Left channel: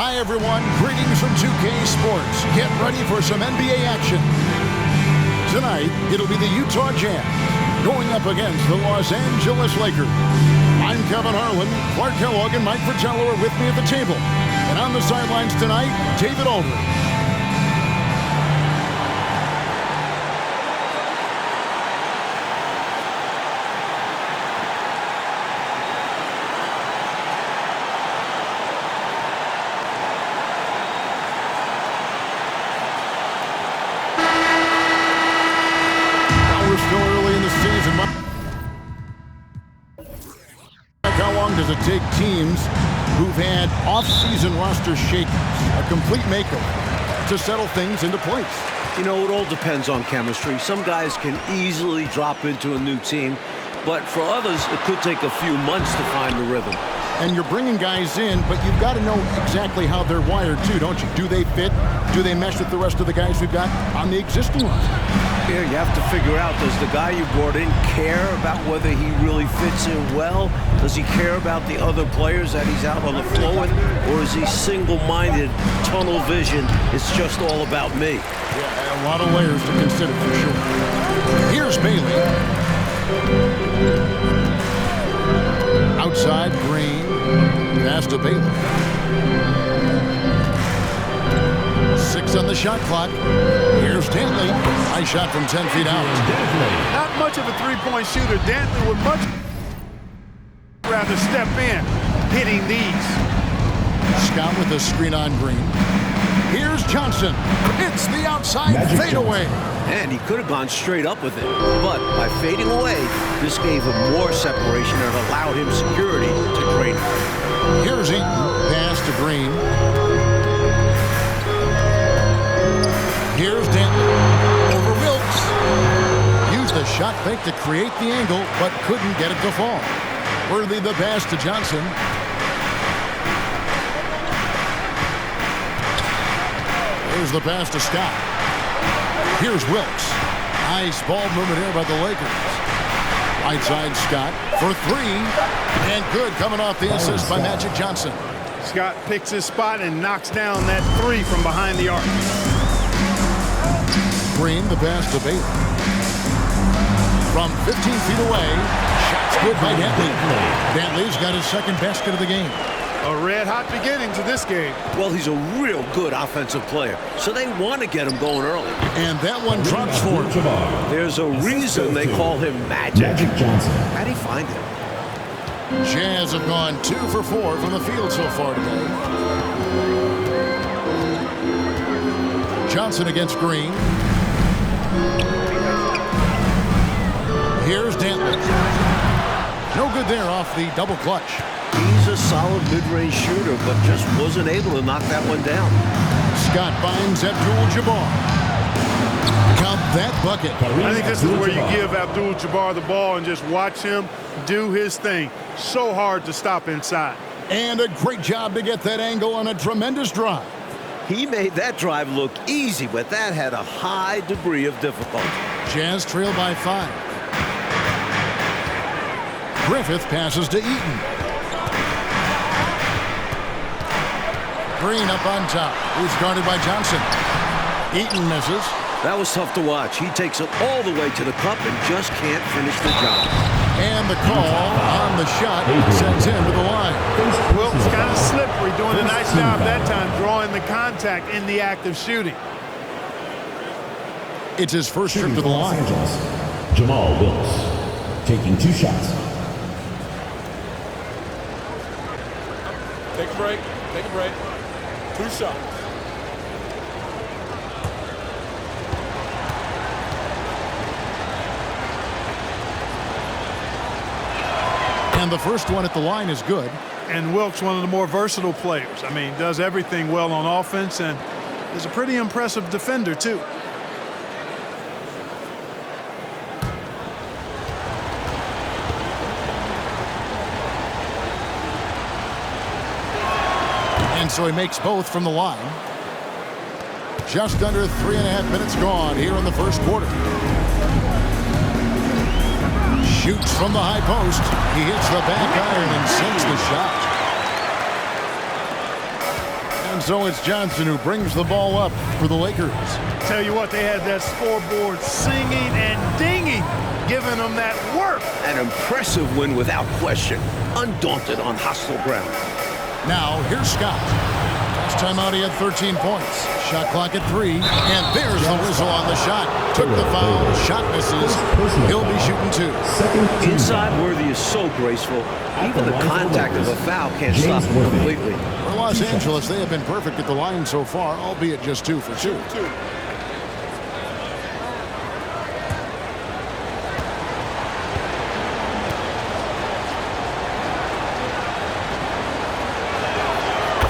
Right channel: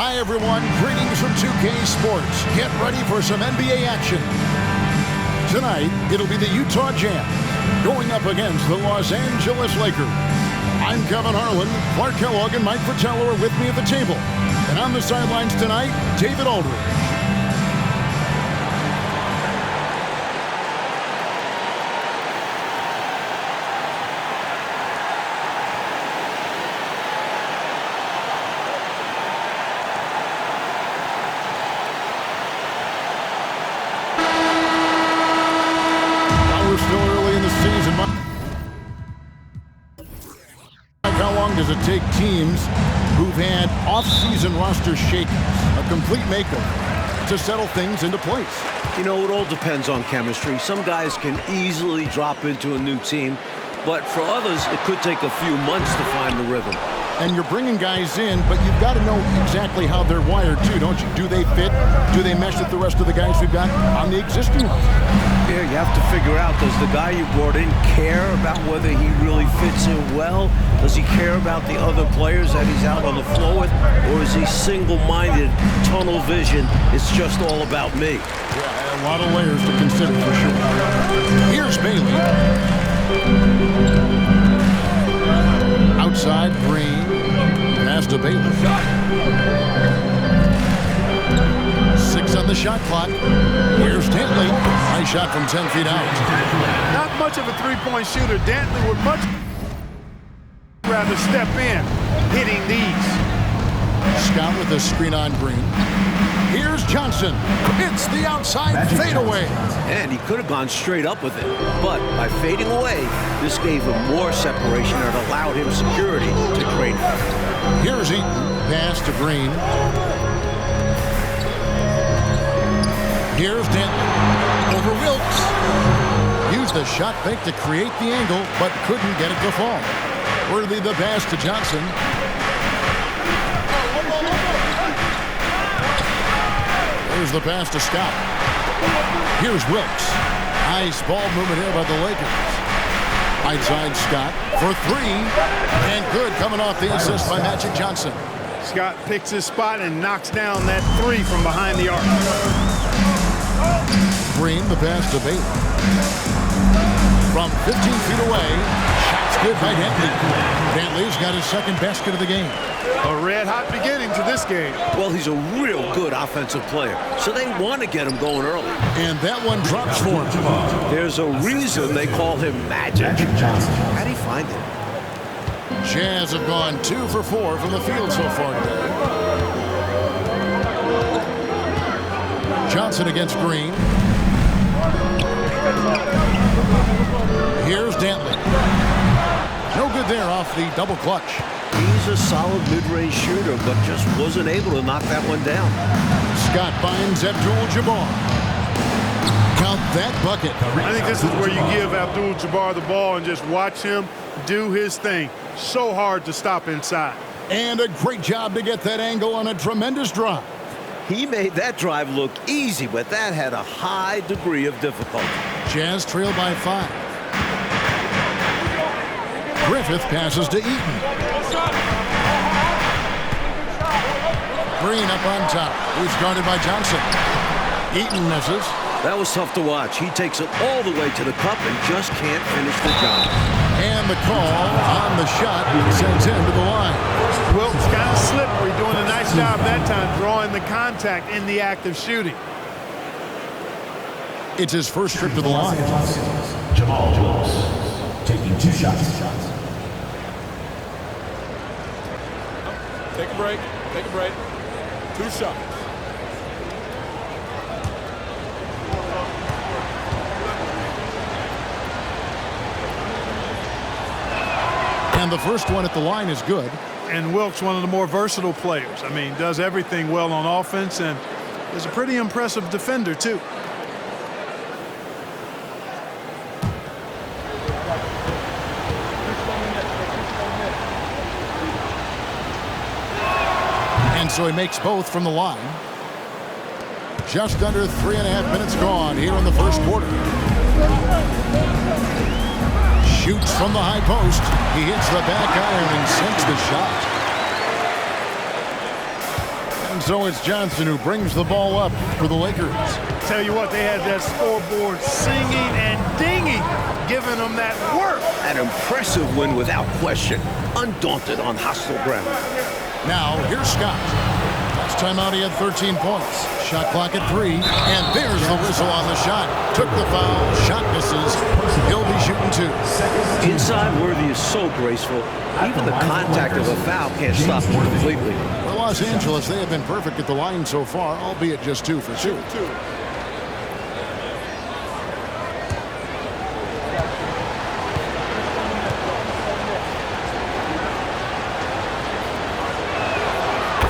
Hi, everyone. Greetings from 2K Sports. Get ready for some NBA action. Tonight, it'll be the Utah Jazz going up against the Los Angeles Lakers. I'm Kevin Harlan. Clark Kellogg and Mike Fratello are with me at the table. And on the sidelines tonight, David Aldridge. Still early in the season. How long does it take teams who've had off-season roster shakeups, a complete makeover, to settle things into place? You know, it all depends on chemistry. Some guys can easily drop into a new team, but for others, it could take a few months to find the rhythm. And you're bringing guys in, but you've got to know exactly how they're wired too, don't you? Do they fit? Do they mesh with the rest of the guys we've got on the existing roster? Yeah, you have to figure out, does the guy you brought in care about whether he really fits in well? Does he care about the other players that he's out on the floor with? Or is he single-minded, tunnel vision, it's just all about me? Yeah, a lot of layers to consider for sure. Here's Bailey. Outside, Green. Pass to Bailey. 6 on the shot clock. Here's Dantley. Nice shot from 10 feet out. Not much of a three-point shooter. Dantley would much rather step in, hitting these. Scott with a screen on Green. Here's Johnson. It's the outside fadeaway. And he could have gone straight up with it. But by fading away, this gave him more separation and allowed him security to drain it. Here's Eaton. Pass to Green. Here's Dantley. Over Wilkes. Used the shot fake to create the angle, but couldn't get it to fall. Worthy the pass to Johnson. Here's the pass to Scott. Here's Wilkes. Nice ball movement here by the Lakers. Right side Scott for 3. And good coming off the assist by Magic Johnson. Scott picks his spot and knocks down that 3 from behind the arc. Green, the pass to Bailey. From 15 feet away, shot's good by Dantley. Dantley's got his second basket of the game. A red-hot beginning to this game. Well, he's a real good offensive player, so they want to get him going early. And that one drops for him. There's a reason they call him Magic. Johnson. How'd he find him? Jazz have gone 2 for 4 from the field so far today. Johnson against Green. Here's Dantley. No good there off the double clutch. He's a solid mid-range shooter, but just wasn't able to knock that one down. Scott finds Abdul-Jabbar. Count that bucket. I think this is where you give Abdul-Jabbar the ball and just watch him do his thing. So hard to stop inside. And a great job to get that angle on a tremendous drive. He made that drive look easy, but that had a high degree of difficulty. Jazz trail by 5. Griffith passes to Eaton. Green up on top. He's guarded by Johnson. Eaton misses. That was tough to watch. He takes it all the way to the cup and just can't finish the job. And the call on the shot sends him to the line. Wilkes kind of slippery, doing a nice job that time, drawing the contact in the act of shooting. It's his first trip to the line. Jamal Wilkes taking 2 shots. Take a break. Take a break. 2 shots. And the first one at the line is good. And Wilkes, one of the more versatile players. I mean, does everything well on offense and is a pretty impressive defender, too. And so he makes both from the line. Just under 3.5 minutes gone here in the first quarter. Shoots from the high post. He hits the back iron and sinks the shot. And And so it's Johnson who brings the ball up for the Lakers. Tell you what, they had that scoreboard singing and dinging, giving them that work. An impressive win without question. Undaunted on hostile ground. Now, here's Scott. Last time out, he had 13 points. Shot clock at 3, and there's the whistle on the shot. Took the foul, shot misses. He'll be shooting 2. Inside, Worthy is so graceful. Even the contact of a foul can't stop him completely. For Los Angeles, they have been perfect at the line so far, albeit just 2 for 2.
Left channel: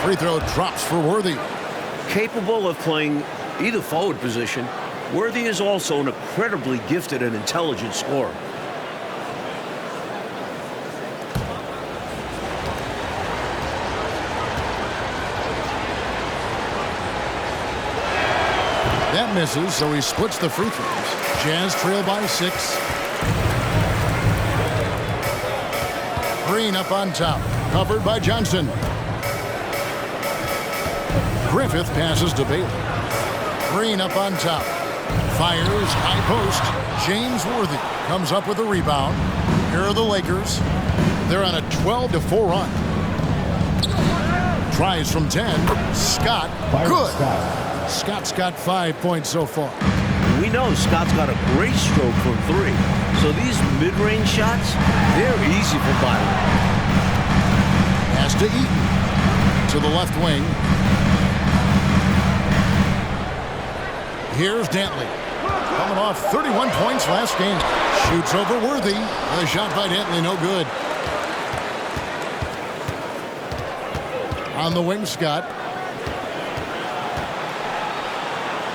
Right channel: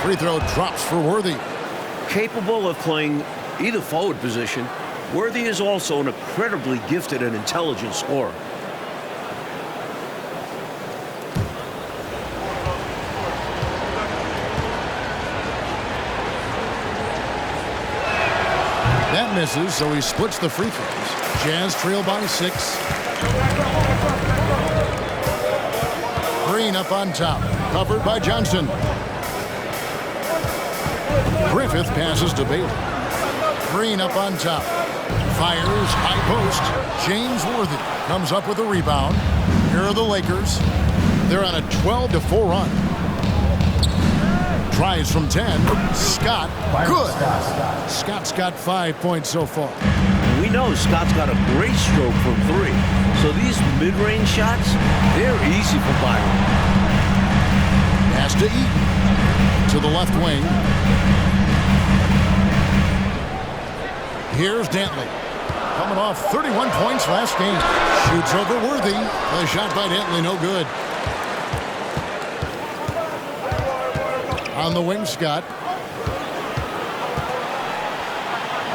Free throw drops for Worthy. Capable of playing either forward position, Worthy is also an incredibly gifted and intelligent scorer. That misses, so he splits the free throws. Jazz trail by 6. Green up on top, covered by Johnson. Griffith passes to Bailey. Green up on top. Fires, high post. James Worthy comes up with a rebound. Here are the Lakers. They're on a 12-4 run. Tries from 10. Scott, good. Scott's got 5 points so far. We know Scott's got a great stroke from 3. So these mid-range shots, they're easy for Byron. Pass to Eaton. To the left wing. Here's Dantley. Coming off 31 points last game. Shoots over Worthy. The shot by Dantley, no good. On the wing, Scott.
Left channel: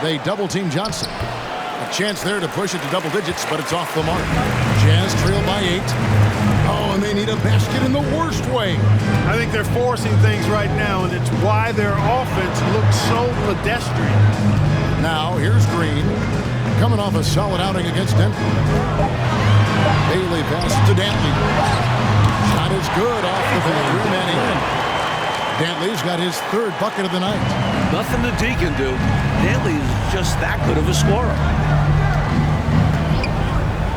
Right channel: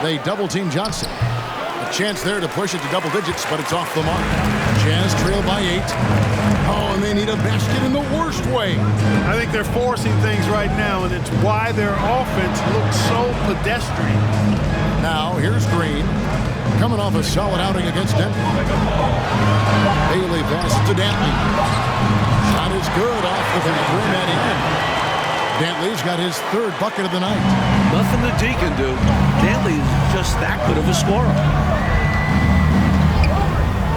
They double-team Johnson. A chance there to push it to double digits, but it's off the mark. Jazz trail by 8. Oh, and they need a basket in the worst way. I think they're forcing things right now, and it's why their offense looks so pedestrian. Now, here's Green. Coming off a solid outing against Denver. Bailey passes to Dantley. Shot is good off the back rim and in. Dantley's got his 3rd bucket of the night. Nothing the D can do. Dantley is just that good of a scorer.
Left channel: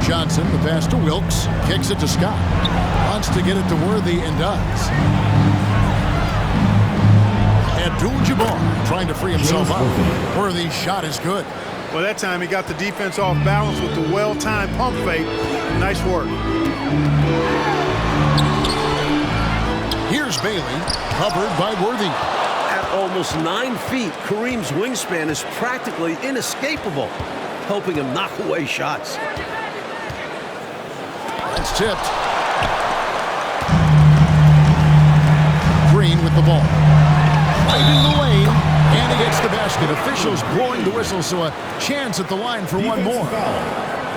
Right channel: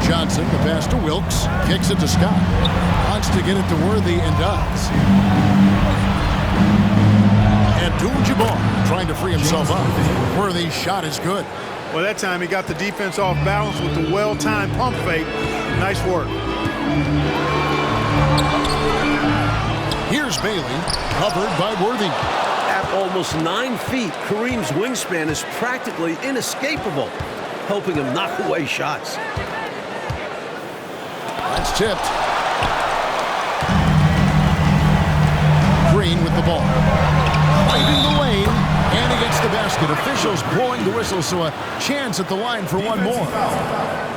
Johnson, the pass to Wilkes. Kicks it to Scott. Wants to get it to Worthy and does. Abdul-Jabbar trying to free himself up. Worthy's shot is good. Well, that time he got the defense off balance with the well-timed pump fake. Nice work. Here's Bailey, covered by Worthy. At almost 9 feet, Kareem's wingspan is practically inescapable, helping him knock away shots. That's tipped. Green with the ball. Right in the lane, and he gets the basket. Officials blowing the whistle, so a chance at the line for one more.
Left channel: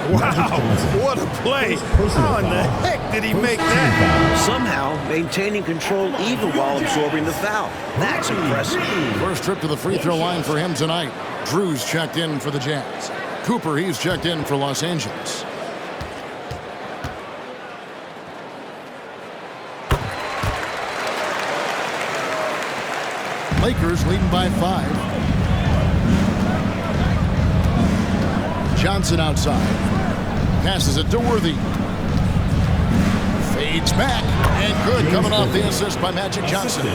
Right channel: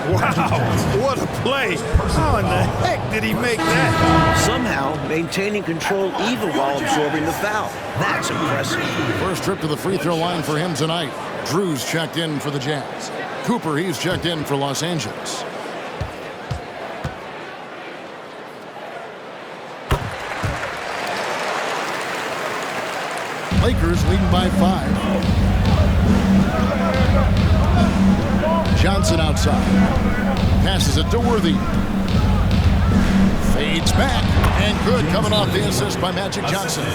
Wow, what a play. How in the heck did he make that? Somehow maintaining control even while absorbing the foul. That's impressive. First trip to the free throw line for him tonight. Drew's checked in for the Jazz. Cooper, he's checked in for Los Angeles. Lakers leading by 5. Johnson outside. Passes it to Worthy. Fades back. And good, coming off the assist by Magic Johnson.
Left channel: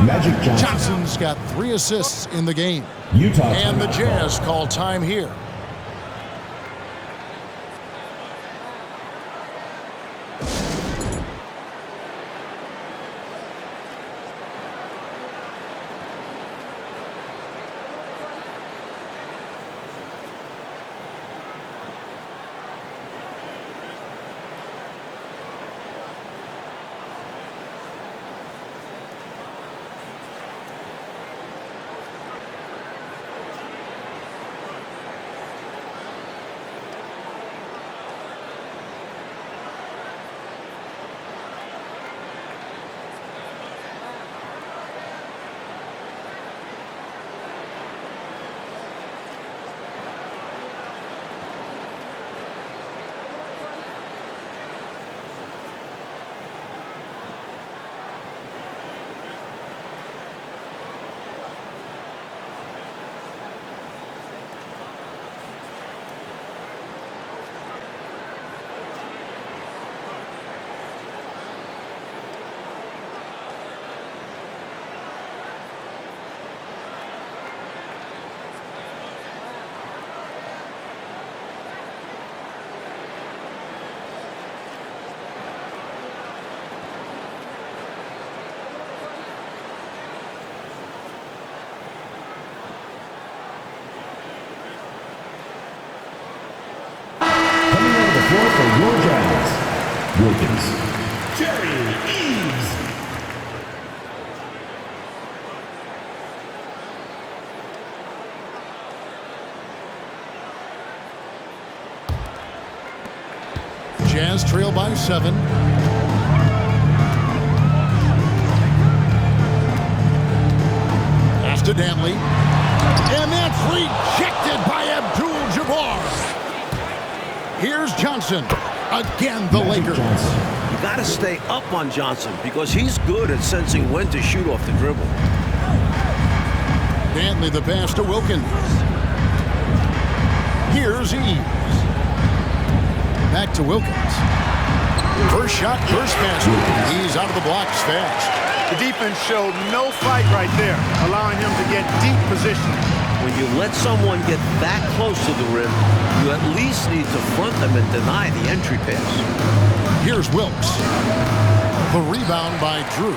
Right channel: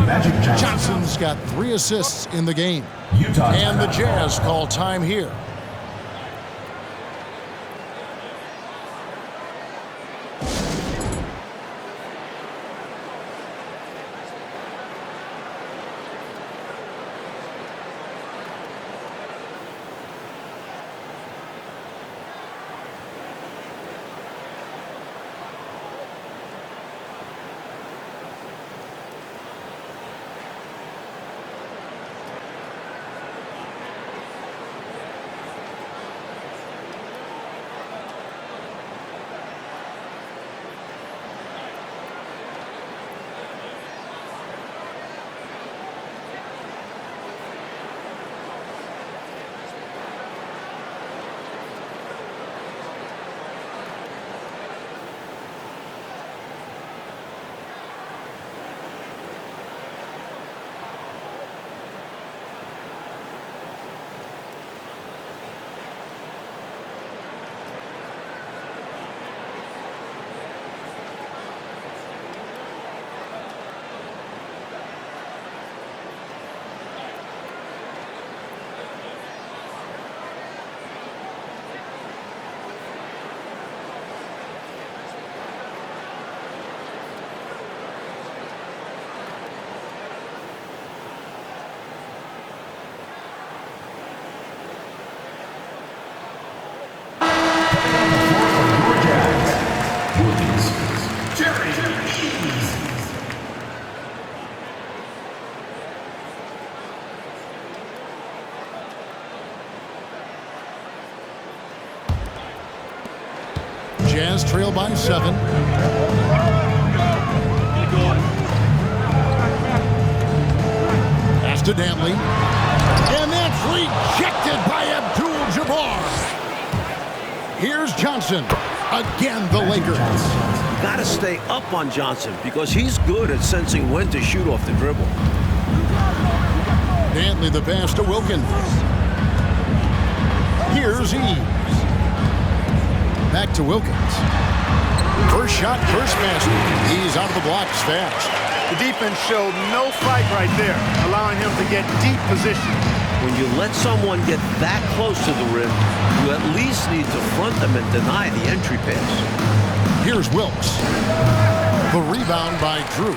Magic Johnson. Johnson's got 3 assists in the game. Utah. And the Jazz call time here. Jazz trail by 7. Pass to Dantley. And that's rejected by Abdul-Jabbar. Here's Johnson. Again, the Lakers. You got to stay up on Johnson because he's good at sensing when to shoot off the dribble. Dantley the pass to Wilkins. Here's Eves. Back to Wilkins. First shot, first basket. He's out of the blocks fast. The defense showed no fight right there, allowing him to get deep positioning. When you let someone get that close to the rim, you at least need to front them and deny the entry pass. Here's Wilkes. The rebound by Drew.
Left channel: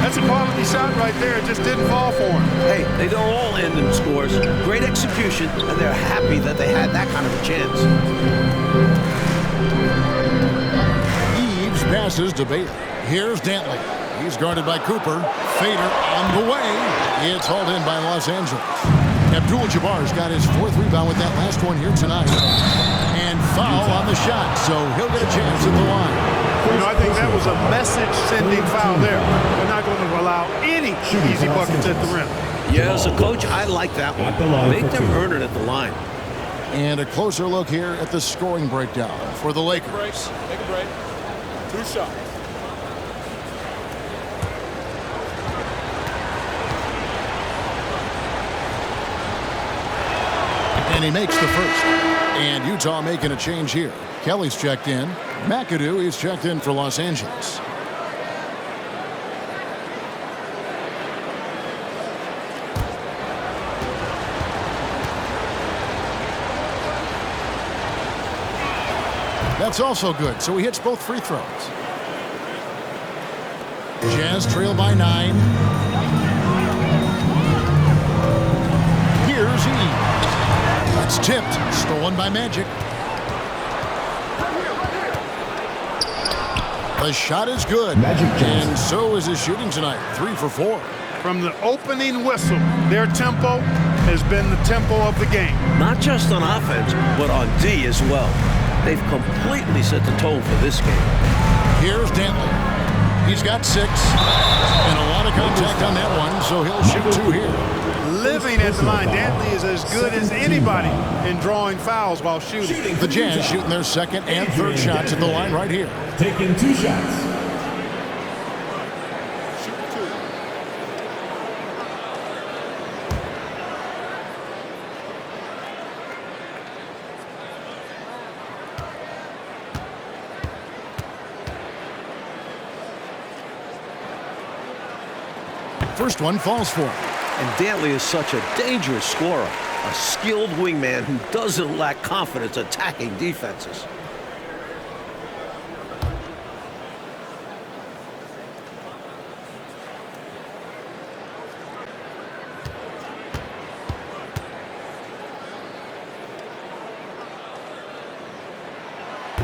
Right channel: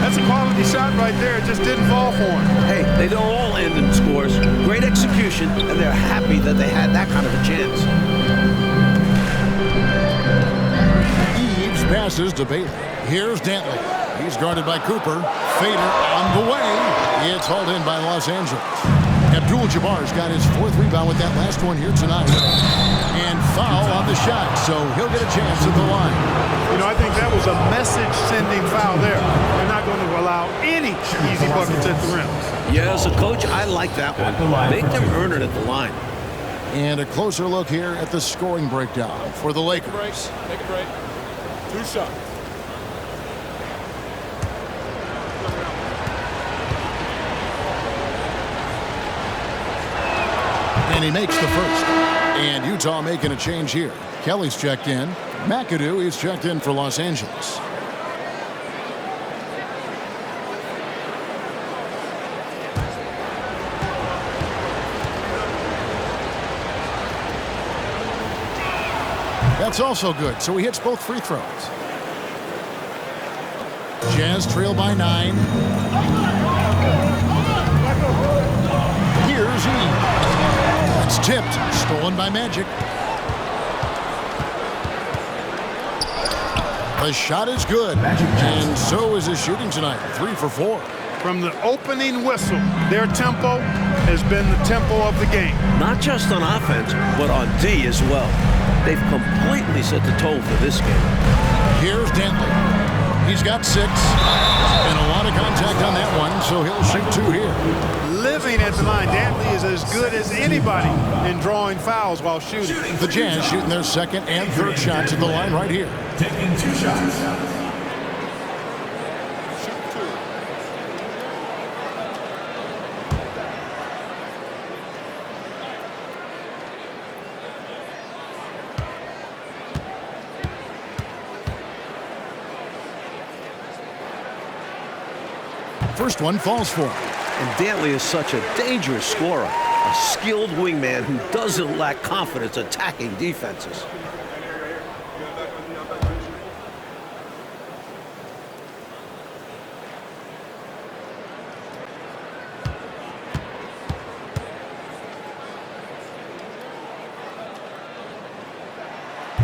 That's a quality shot right there. It just didn't fall for him. Hey, they don't all end in scores. Great execution, and they're happy that they had that kind of a chance. Eves passes to Bailey. Here's Dantley. He's guarded by Cooper. Fader on the way. It's hauled in by Los Angeles. Abdul-Jabbar's got his 4th rebound with that last one here tonight. And foul on the shot, so he'll get a chance at the line. You know, I think that was a message-sending foul there. They're not going to allow any easy buckets at the rim. Yeah, as a coach, I like that one. Make them earn it at the line. And a closer look here at the scoring breakdown for the Lakers. Take a break. 2 shots. And he makes the first. And Utah making a change here. Kelly's checked in. McAdoo is checked in for Los Angeles. That's also good, so he hits both free throws. Jazz trail by 9. Here's Eves. It's tipped, stolen by Magic. The shot is good, and so is his shooting tonight. 3 for 4. From the opening whistle, their tempo has been the tempo of the game. Not just on offense, but on D as well. They've completely set the tone for this game. Here's Dantley. He's got 6, and a lot of contact on that one, so he'll shoot 2 here. Living at the line, Dantley is as good as anybody in drawing fouls while shooting. The Jazz shooting their 2nd and 3rd shots at the line right here. Taking 2 shots. Shoot 2. First one falls for him. And Dantley is such a dangerous scorer, a skilled wingman who doesn't lack confidence attacking defenses.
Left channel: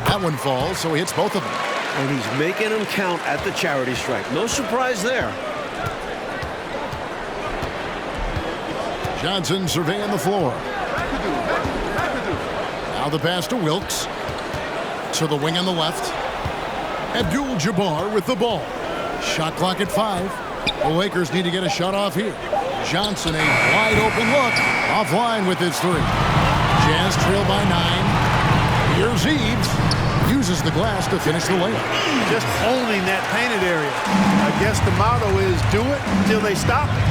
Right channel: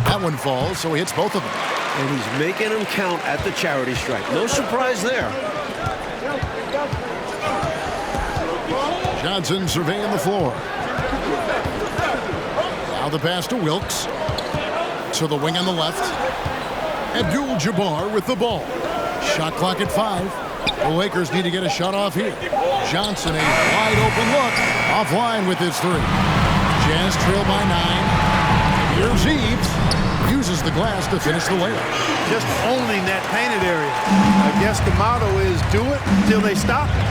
That one falls, so he hits both of them. And he's making them count at the charity stripe. No surprise there. Johnson surveying the floor. Now the pass to Wilkes. To the wing on the left. Abdul-Jabbar with the ball. Shot clock at 5. The Lakers need to get a shot off here. Johnson, a wide open look. Offline with his 3. Jazz trail by 9. Here's Eves. Uses the glass to finish the layup. Just owning that painted area. I guess the motto is do it until they stop it.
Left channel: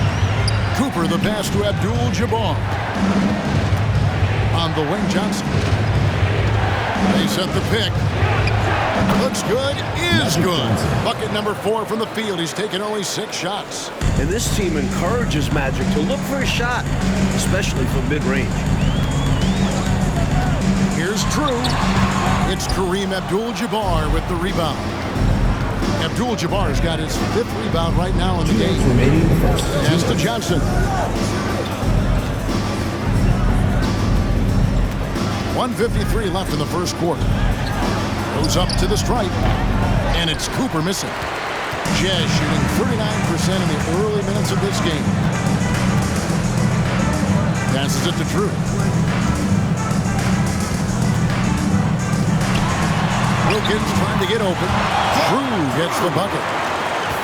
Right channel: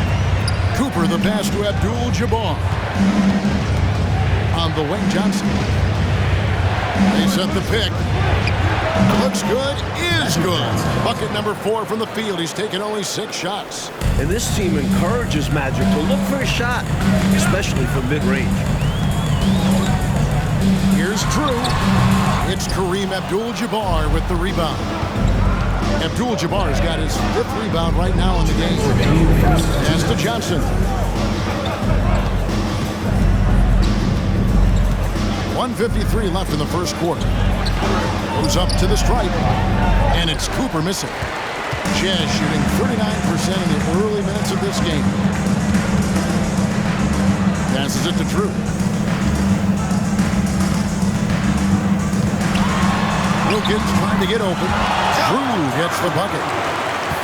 Cooper the pass to Abdul-Jabbar. On the wing, Johnson. They set the pick. Looks good, is good. Bucket number 4 from the field. He's taken only 6 shots. And this team encourages Magic to look for a shot, especially from mid-range. Here's Drew. It's Kareem Abdul-Jabbar with the rebound. Abdul-Jabbar's got his 5th rebound right now in the game. Pass to Johnson. 1:53 left in the first quarter. Goes up to the stripe, and it's Cooper missing. Jazz shooting 39% in the early minutes of this game. Passes it to Drew. Wilkins trying to get open. Drew gets the bucket.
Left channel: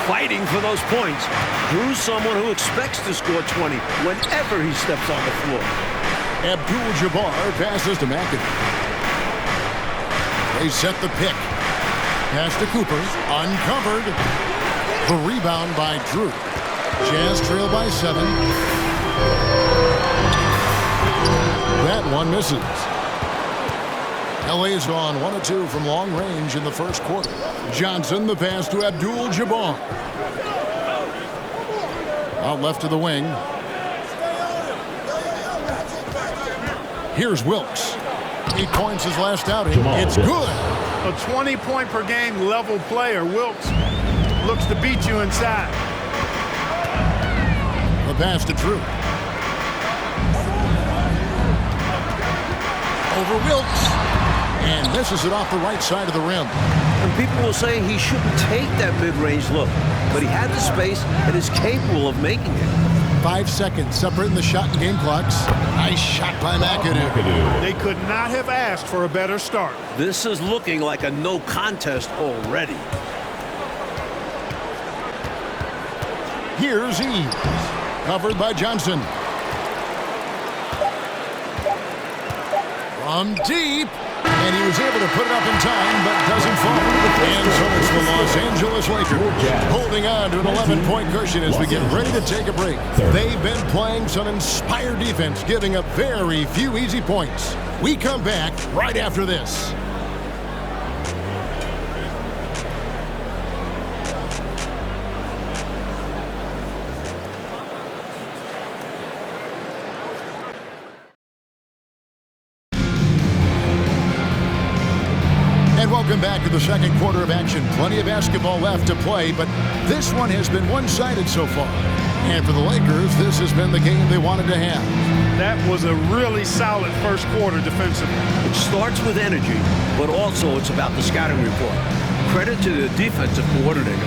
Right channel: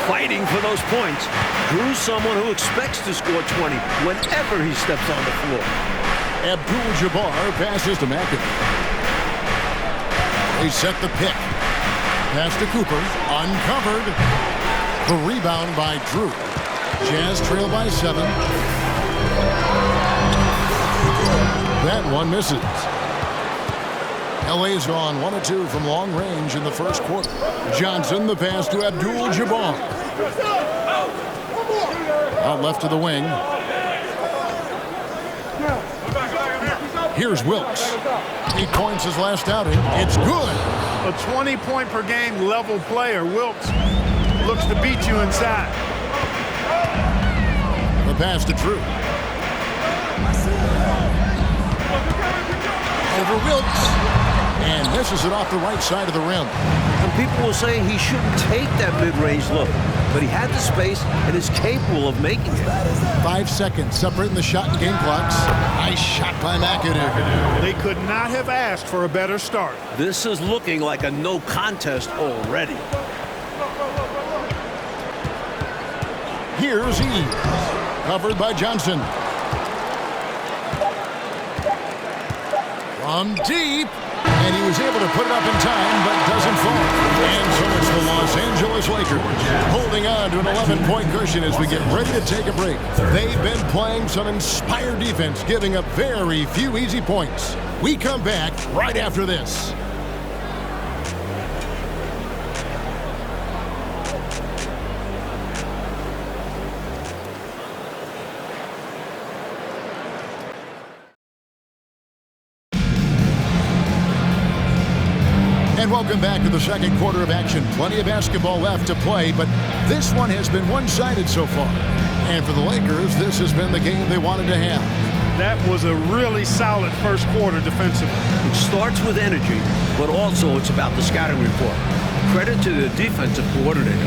Fighting for those points. Drew's someone who expects to score 20 whenever he steps on the floor. Abdul-Jabbar passes to McAdoo. They set the pick. Pass to Cooper. Uncovered. The rebound by Drew. Jazz trail by 7. That one misses. LA's gone 1 of 2 from long range in the first quarter. Johnson, the pass to Abdul-Jabbar. Out left to the wing. Here's Wilkes. 8 points his last outing. It's good. A 20-point per game level player. Wilkes looks to beat you inside. The pass to Drew. Over Wilkes. And misses it off the right side of the rim. And people will say he shouldn't take that mid-range look, but he had the space and is capable of making it. 5 seconds separating the shot and game clocks. Nice shot by McAdoo. They could not have asked for a better start. This is looking like a no contest already. Here's Eves. Covered by Johnson. From deep. And he was able to put it up in time, but doesn't fall. And so it's the Los Angeles Lakers holding on to an 11-point cushion as we get ready to take a break. They've been playing some inspired defense, giving up very few easy points. We come back right after this. And welcome back to the second quarter of action. Plenty of basketball left to play, but this one has been one-sided so far. And for the Lakers, this has been the game they wanted to have. That was a really solid first quarter defensively. It starts with energy, but also it's about the scouting report. Credit to the defensive coordinator.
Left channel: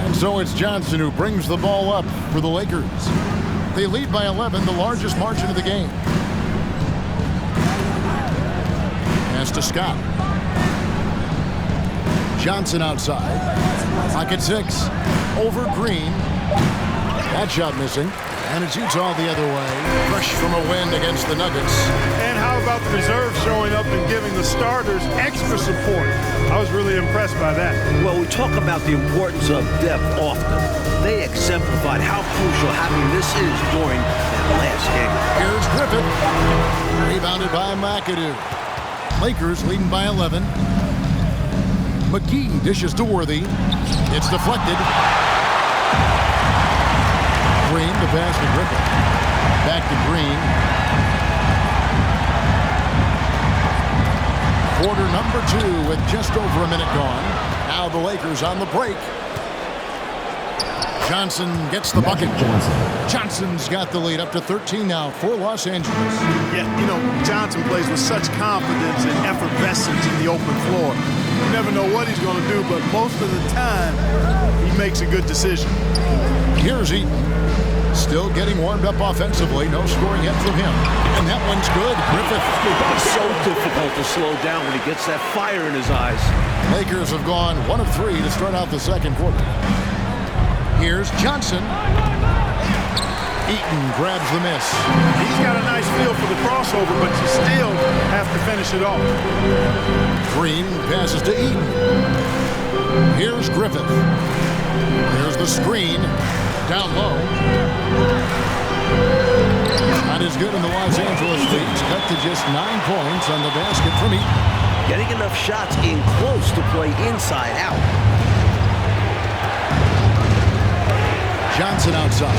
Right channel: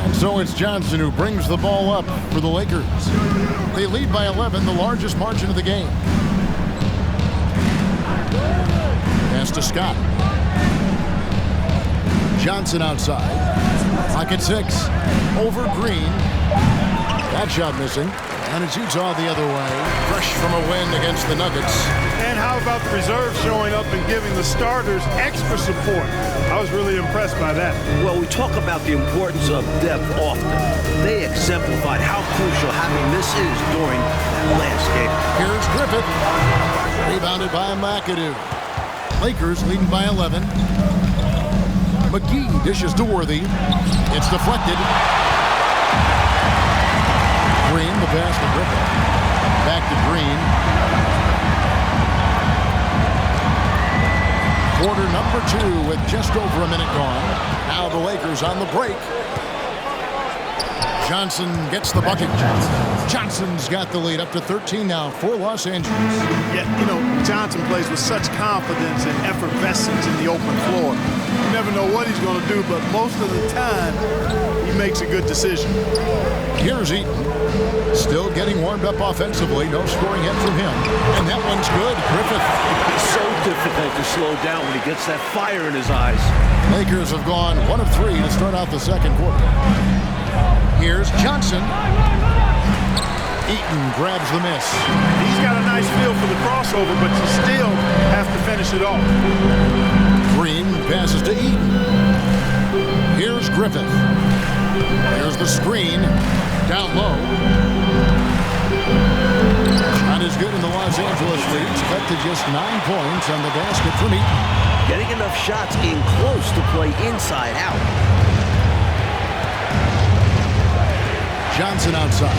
And so it's Johnson who brings the ball up for the Lakers. They lead by 11, the largest margin of the game. Pass to Scott. Johnson outside. Pocket 6. Over Green. That shot missing. And it's Utah the other way. Fresh from a win against the Nuggets. And how about the reserves showing up and giving the starters extra support? I was really impressed by that. Well, we talk about the importance of depth often. They exemplified how crucial having this is during that last game. Here's Griffith. Rebounded by McAdoo. Lakers leading by 11. McGee dishes to Worthy. It's deflected. Green, the pass to Griffith. Back to Green. Quarter number 2 with just over a minute gone. Now the Lakers on the break. Johnson gets the bucket. Johnson's got the lead up to 13 now for Los Angeles. Yeah, you know, Johnson plays with such confidence and effervescence in the open floor. You never know what he's going to do, but most of the time, he makes a good decision. Here's Eaton. Still getting warmed up offensively. No scoring yet from him. And that one's good. Griffith. It's so difficult to slow down when he gets that fire in his eyes. Lakers have gone 1 of 3 to start out the second quarter. Here's Johnson. Eaton grabs the miss. He's got a nice feel for the crossover, but you still have to finish it off. Green passes to Eaton. Here's Griffith. Here's the screen. Down low. Not as good in the Los Angeles leads. Cut to just 9 points on the basket from Eaton. Getting enough shots in close to play inside out. Johnson outside.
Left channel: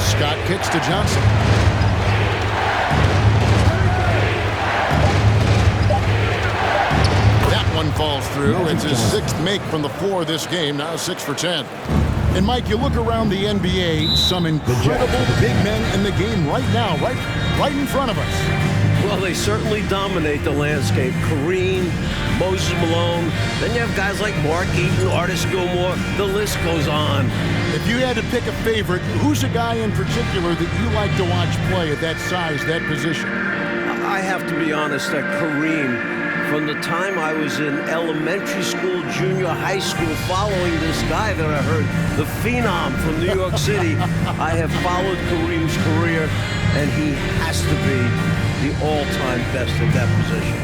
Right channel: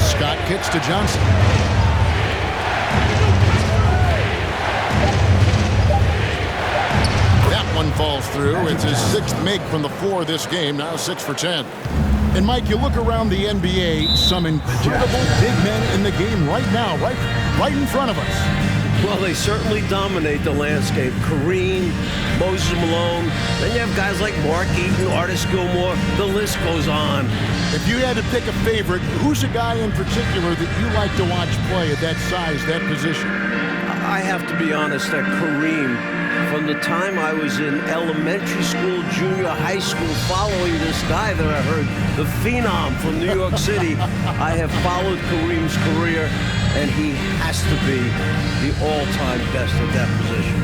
Scott kicks to Johnson. That one falls through. It's his 6th make from the floor this game, now 6 for 10. And Mike, you look around the NBA, some incredible big men in the game right now, right in front of us. Well, they certainly dominate the landscape. Kareem, Moses Malone. Then you have guys like Mark Eaton, Artis Gilmore. The list goes on. If you had to pick a favorite, who's a guy in particular that you like to watch play at that size, that position? I have to be honest that Kareem, from the time I was in elementary school, junior high school, following this guy that I heard, the Phenom from New York City, I have followed Kareem's career, and he has to be the all-time best at that position.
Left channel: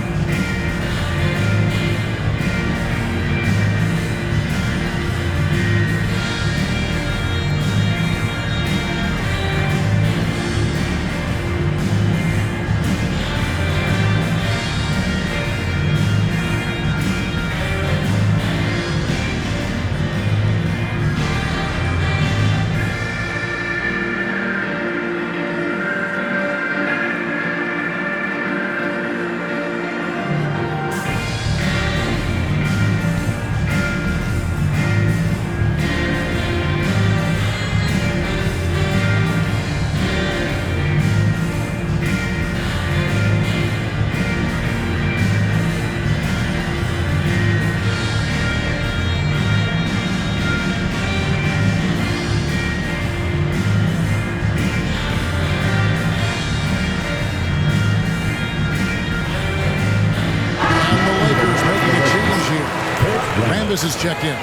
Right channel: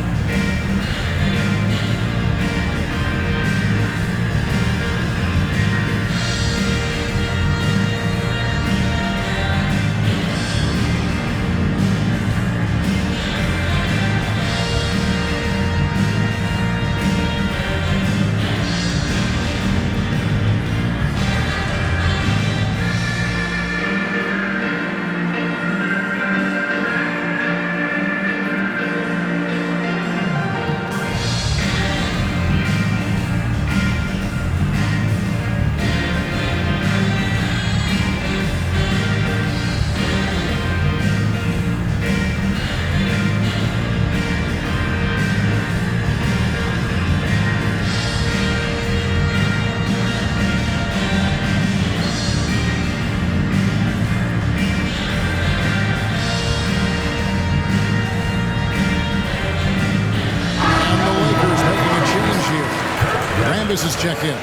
Rambis is checked in.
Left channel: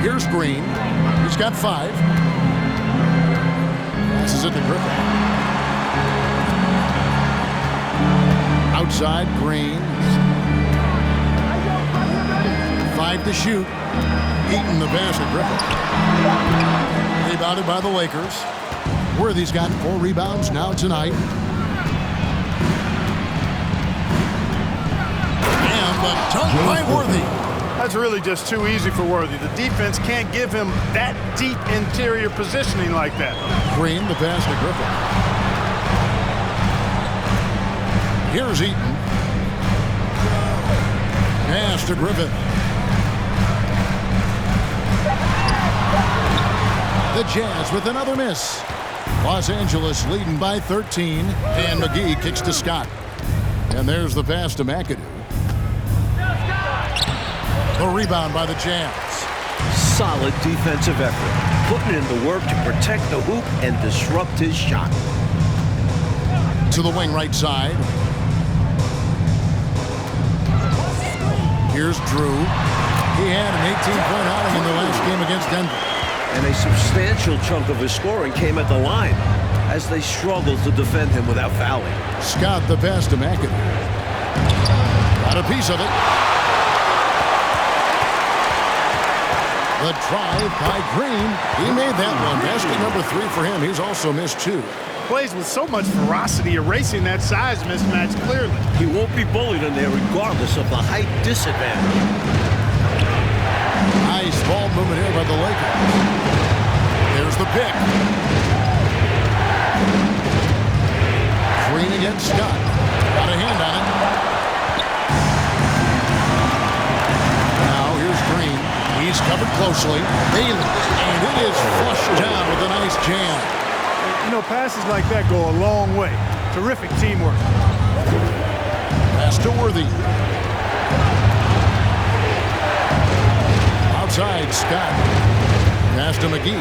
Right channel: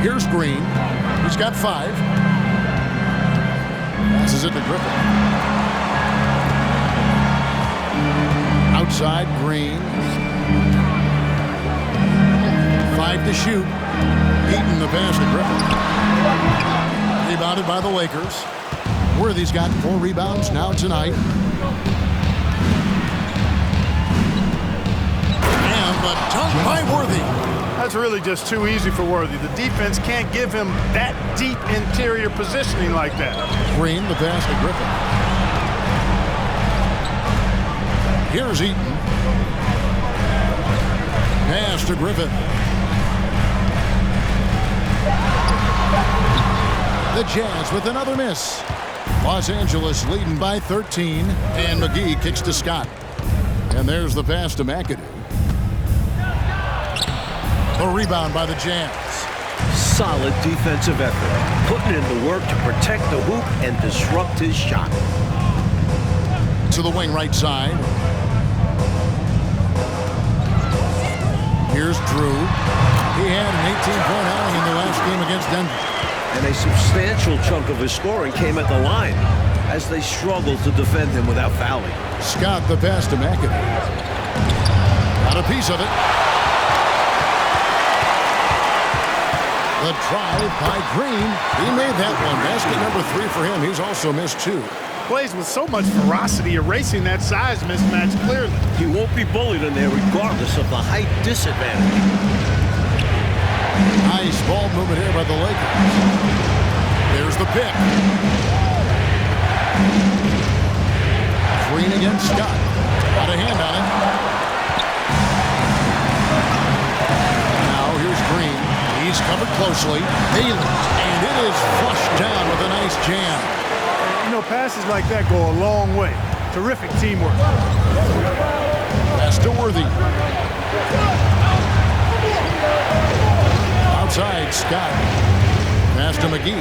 Here's Green. He's got 5. Passes it to Griffin. Outside, Green. 5 to shoot. Eaton the pass to Griffin. Rebounded by the Lakers. Worthy's got 4 rebounds now tonight. And the dunk by Worthy. That's really just too easy for Worthy. The defense can't give him that deep interior positioning like that. Green, the pass to Griffin. Here's Eaton. Pass to Griffin. The Jazz with another miss. Los Angeles leading by 13. And McGee kicks to Scott. And there's the pass to McAdoo. The rebound by the Jazz. Solid defensive effort. Putting in the work to protect the hoop and disrupt his shot. To the wing right side. Here's Drew. He had an 18-point outing in the last game against Denver. And a substantial chunk of his scoring came at the line as they struggled to defend him without fouling. Scott the pass to McAdoo. Got a piece of it. The drive by Green. He made that one. Basket number 3 for him. He's also missed 2. Plays with so much ferocity, erasing that size mismatch clearly. He won't be bullied in there regardless of the height disadvantage. Nice ball movement here by the Lakers. There's the pick. Green against Scott. Got a hand on it. Now here's Green. He's covered closely. Bailey. And it is flushed down with a nice jam. You know, passes like that go a long way. Terrific teamwork. Pass to Worthy. Outside, Scott. Pass to McGee.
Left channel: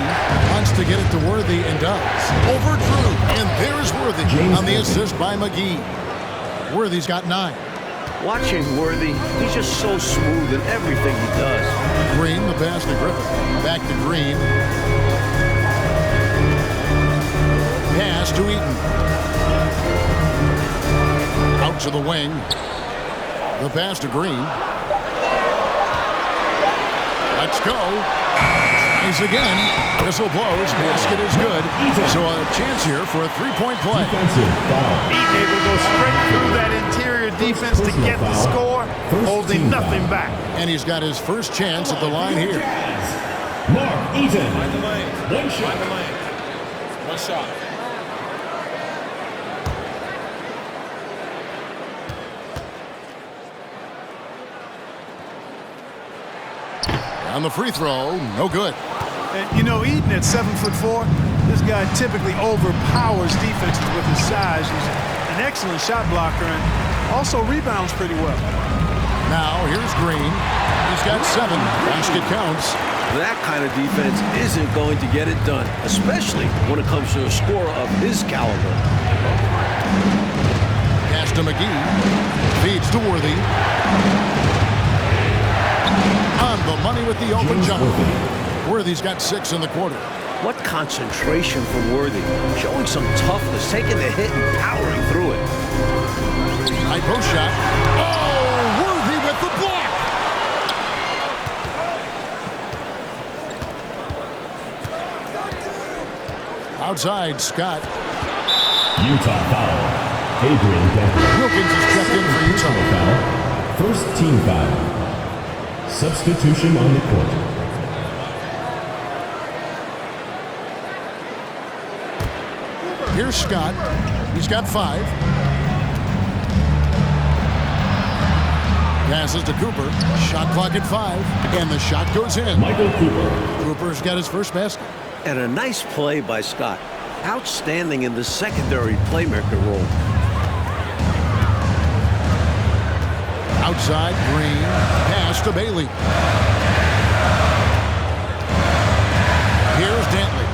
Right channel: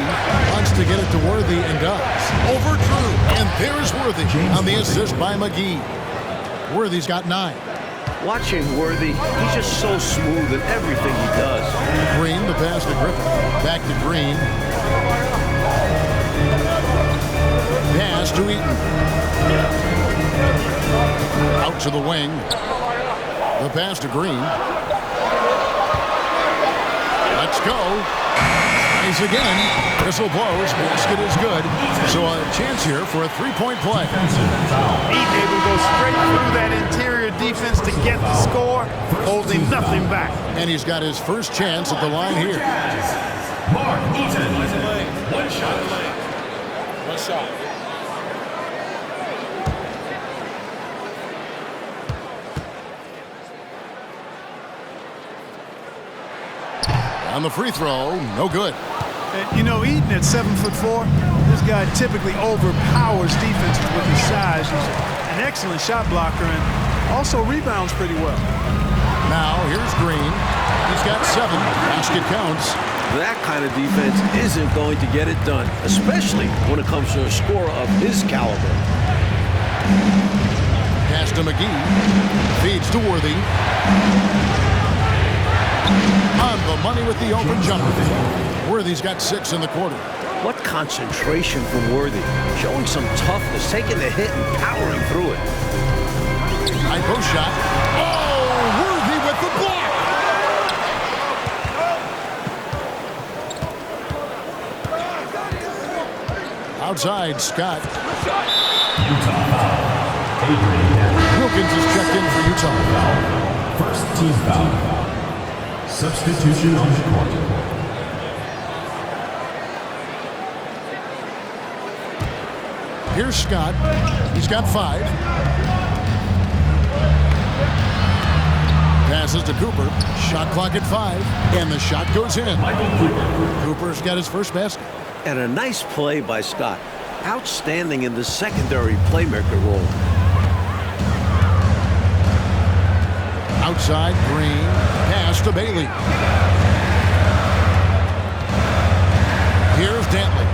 Wants to get it to Worthy and does. Over Drew. And there's Worthy on the assist by McGee. Worthy's got 9. Watching Worthy, he's just so smooth in everything he does. Green, the pass to Griffin. Back to Green. Pass to Eaton. Out to the wing. The pass to Green. Let's go. Tries again. Whistle blows. Basket is good. So a chance here for a 3-point play. Eaton able to go straight through that interior defense to get the score, holding nothing back. And he's got his first chance at the line here. Mark Eaton. Find the lane. One shot. Find the lane. One shot. On the free throw, no good. And, you know, Eden at 7'4", this guy typically overpowers defenses with his size. He's an excellent shot blocker and also rebounds pretty well. Now, here's Green. He's got 7. Basket counts. That kind of defense isn't going to get it done, especially when it comes to a scorer of his caliber. Pass to McGee. Feeds to Worthy. On the money with the open jumper. Worthy's got 6 in the quarter. What concentration from Worthy. Showing some toughness, taking the hit and powering through it. High post shot. Oh, Worthy with the block. Outside, Scott. Utah foul. Adrian Gaffney. Wilkins is checked in for Utah. Foul. First team foul. Substitution on the court. Here's Scott. He's got 5. Passes to Cooper. Shot clock at 5. And the shot goes in. Michael Cooper. Cooper's got his first basket. And a nice play by Scott. Outstanding in the secondary playmaker role. Outside, Green. Pass to Bailey. Here's Dantley.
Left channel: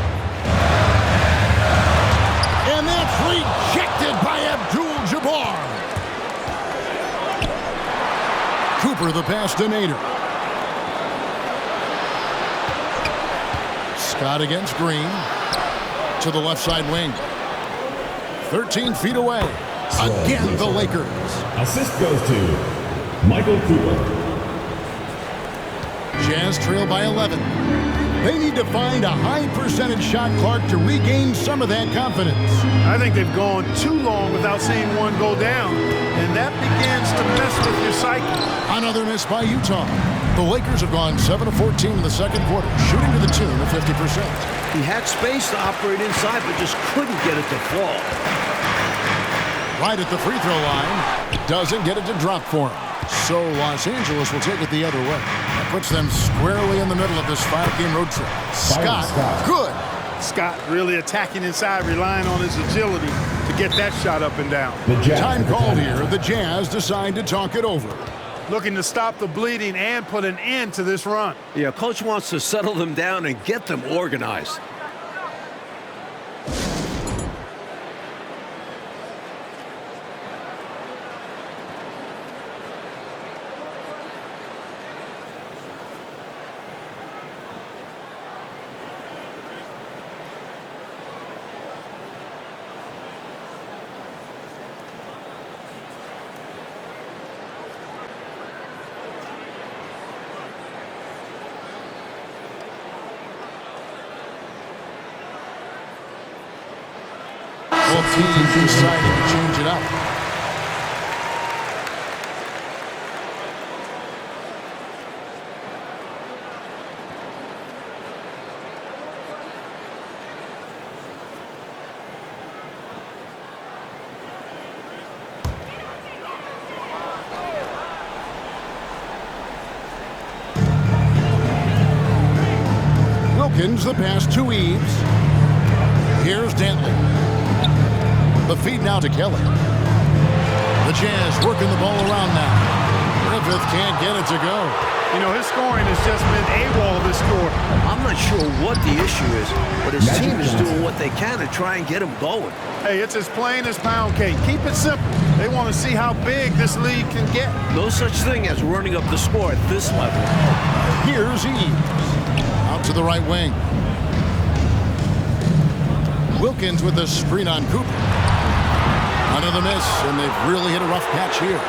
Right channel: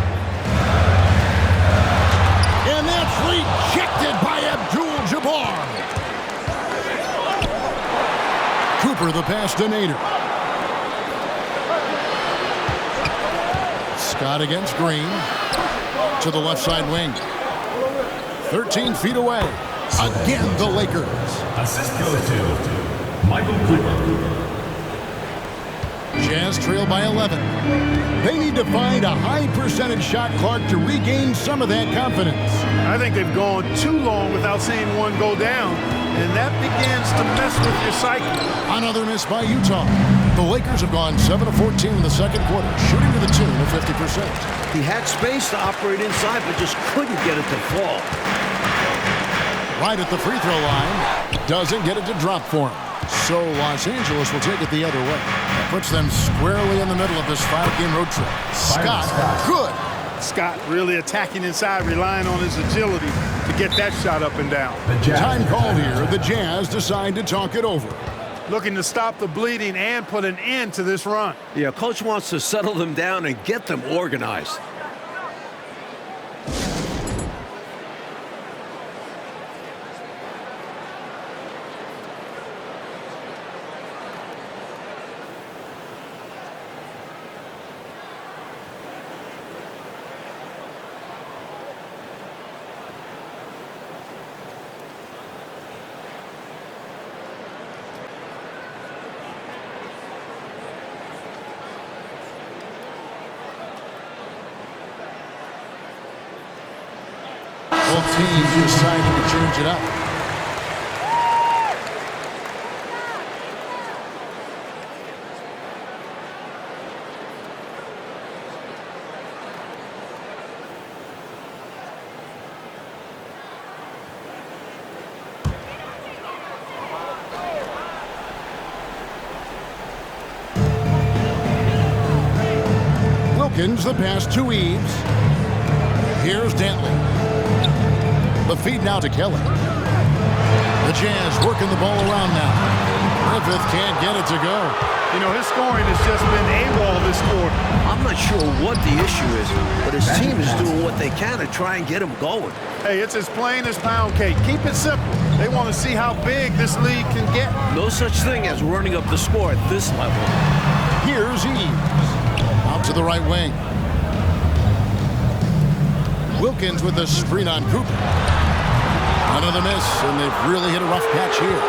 And that's rejected by Abdul-Jabbar. Cooper the pass to Nader. Scott against Green. To the left side wing. 13 feet away. Again, the Lakers. Assist goes to Michael Cooper. Jazz trail by 11. They need to find a high percentage shot clock to regain some of that confidence. I think they've gone too long without seeing one go down, and that begins to mess with your psyche. Another miss by Utah. The Lakers have gone 7 of 14 in the second quarter, shooting to the tune of 50%. He had space to operate inside, but just couldn't get it to fall. Right at the free throw line. Doesn't get it to drop for him. So Los Angeles will take it the other way. That puts them squarely in the middle of this 5-game road trip. Scott, good. Scott really attacking inside, relying on his agility to get that shot up and down. Time called here. The Jazz decide to talk it over. Looking to stop the bleeding and put an end to this run. Yeah, coach wants to settle them down and get them organized. Both teams deciding to change it up. Wilkins the pass to Eves. Here's Dantley. The feed now to Kelly. The Jazz working the ball around now. Griffith can't get it to go. You know, his scoring has just been AWOL this quarter. I'm not sure what the issue is, but his team is doing what they can to try and get him going. Hey, it's as plain as pound cake. Keep it simple. They want to see how big this league can get. No such thing as running up the score at this level. Here's Eves. Out to the right wing. Wilkins with the screen on Cooper. Another miss, and they've really hit a rough patch here.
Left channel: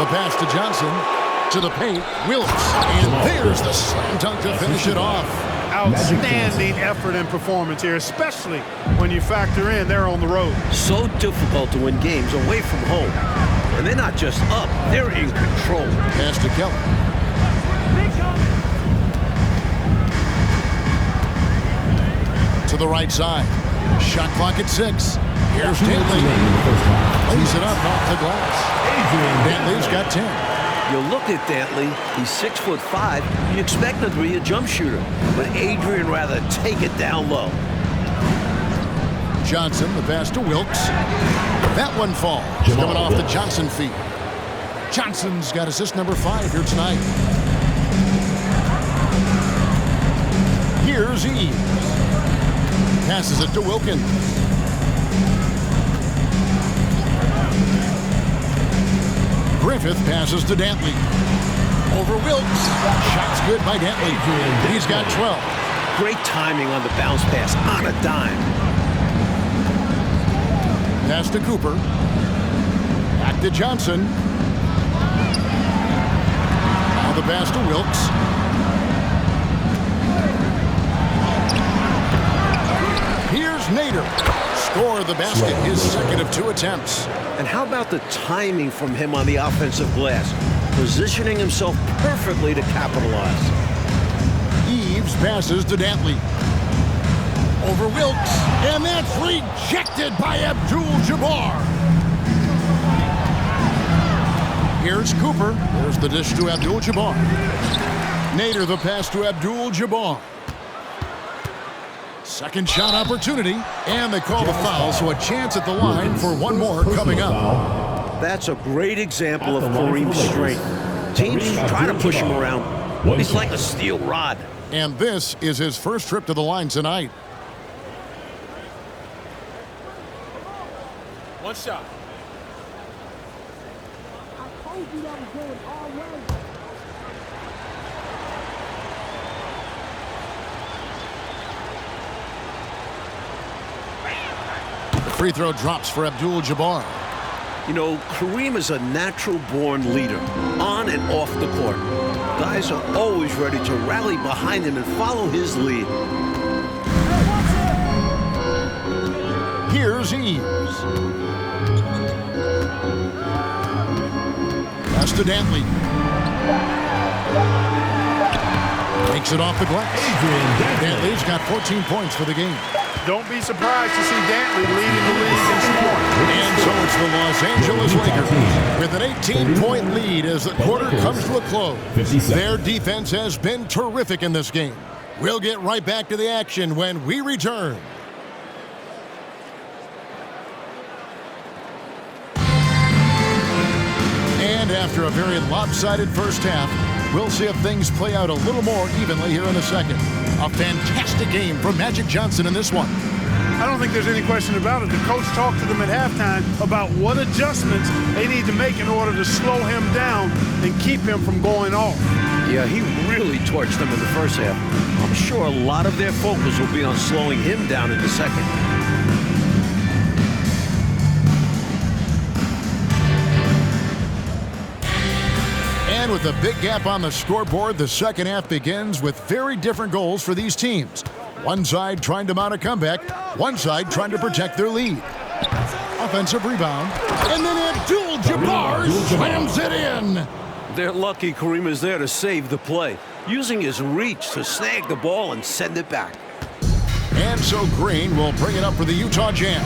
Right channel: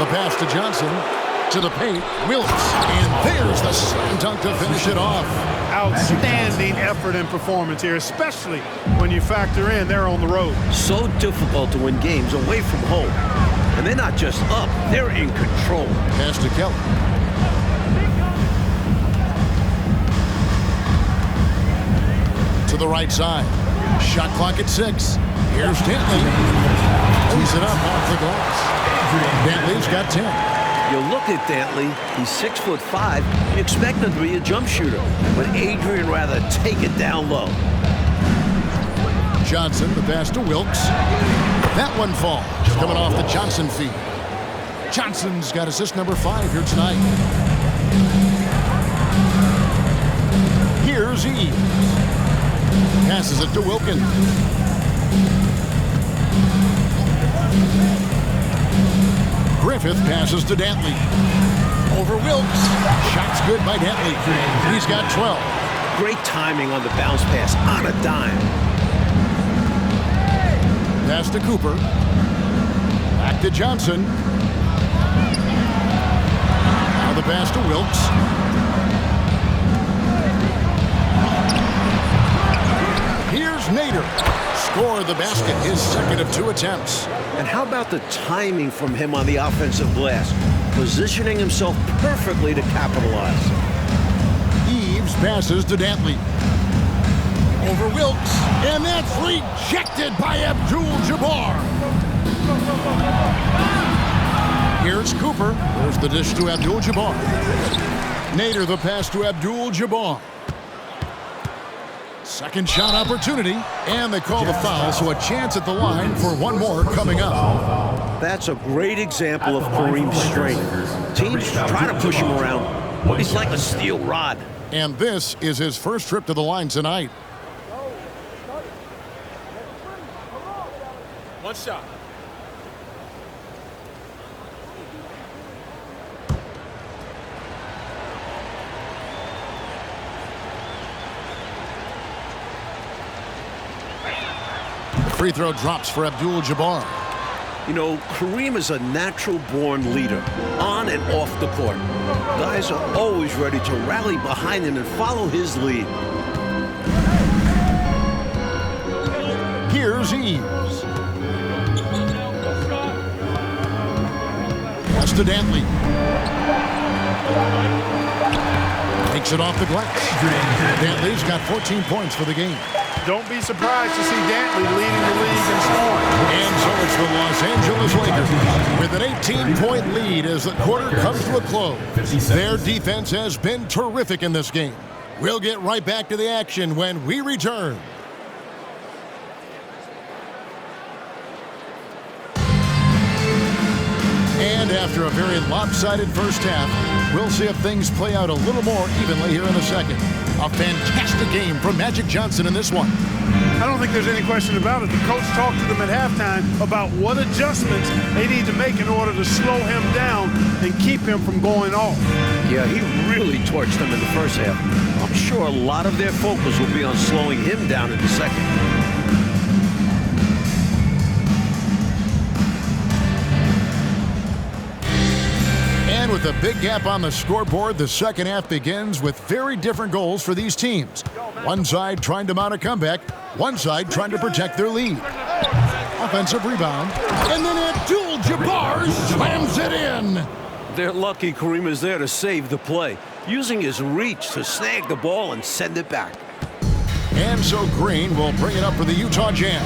The pass to Johnson, to the paint, Willis, and there's the slam dunk to finish it off. Outstanding effort and performance here, especially when you factor in they're on the road. So difficult to win games away from home. And they're not just up, they're in control. Pass to Kelly. To the right side. Shot clock at 6. Here's Dantley. Lays it up off the glass. Dantley's got 10. You look at Dantley, he's 6'5". You expect him to be a jump shooter, but Adrian rather take it down low. Johnson, the pass to Wilkes. That one falls, coming off the Johnson feed. Johnson's got assist number 5 here tonight. Here's Eves. Passes it to Wilkins. Griffith passes to Dantley. Over Wilkes. Shot's good by Dantley. He's got 12. Great timing on the bounce pass on a dime. Pass to Cooper. Back to Johnson. Now the pass to Wilkes. Here's Nader. Scored the basket, his second of 2 attempts. And how about the timing from him on the offensive glass? Positioning himself perfectly to capitalize. Eves passes to Dantley. Over Wilkes. And that's rejected by Abdul-Jabbar. Here's Cooper. There's the dish to Abdul-Jabbar. Nader the pass to Abdul-Jabbar. Second shot opportunity, and they call the foul, so a chance at the line for one more coming up. That's a great example of Kareem's strength. Teams try to push him around. He's like a steel rod. And this is his first trip to the line tonight. One shot. Free throw drops for Abdul-Jabbar. You know, Kareem is a natural-born leader, on and off the court. Guys are always ready to rally behind him and follow his lead. Here's Eves. Pass to Dantley. Takes it off the glass. Dantley's got 14 points for the game. Don't be surprised to see Dantley leading the league in scoring. And so it's the Los Angeles Lakers with an 18-point lead as the quarter comes to a close. Their defense has been terrific in this game. We'll get right back to the action when we return. And after a very lopsided first half, we'll see if things play out a little more evenly here in the second. A fantastic game from Magic Johnson in this one. I don't think there's any question about it. The coach talked to them at halftime about what adjustments they need to make in order to slow him down and keep him from going off. Yeah, he really torched them in the first half. I'm sure a lot of their focus will be on slowing him down in the second. And with a big gap on the scoreboard, the second half begins with very different goals for these teams. One side trying to mount a comeback, one side trying to protect their lead. Offensive rebound, and then Abdul-Jabbar slams it in. They're lucky Kareem is there to save the play, using his reach to snag the ball and send it back. And so Green will bring it up for the Utah Jazz.